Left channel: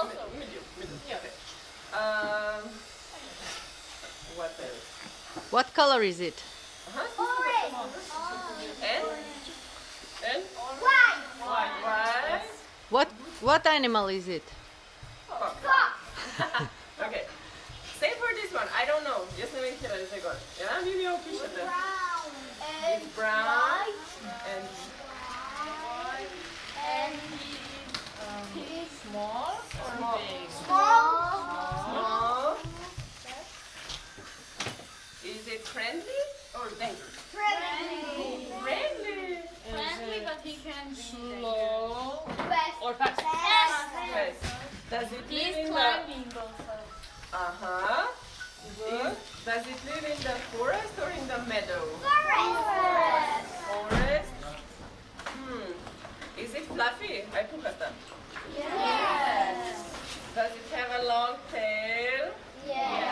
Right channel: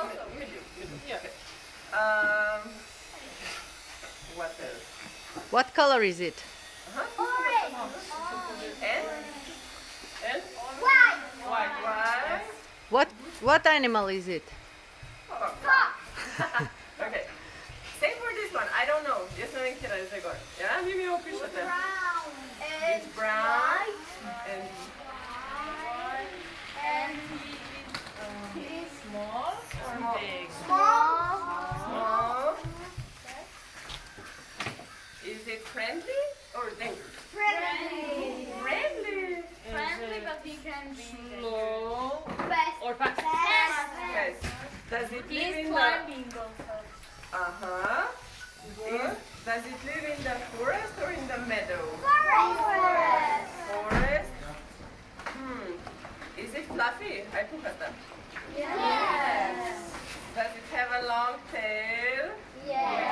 also. Medium. Okay. What else? What color is it? And? And? White. White. What animal is it? Okay. Say for this one. I don't know. Jaz ne vem, kje je gor. Ja, vi mi opišete. It's brown. And And He's small or big? small. Is it friendly or dangerous? friendly. Friendly. Friendly, but he can be slow Fast. or fast. Yes. Does it live He's in the... climbing also. Uh-huh. Does it live in the forest or in the meadow? Forest. Forest. Is it fluffy? Ai puhata. Yes. Does it have a long tail? Yes.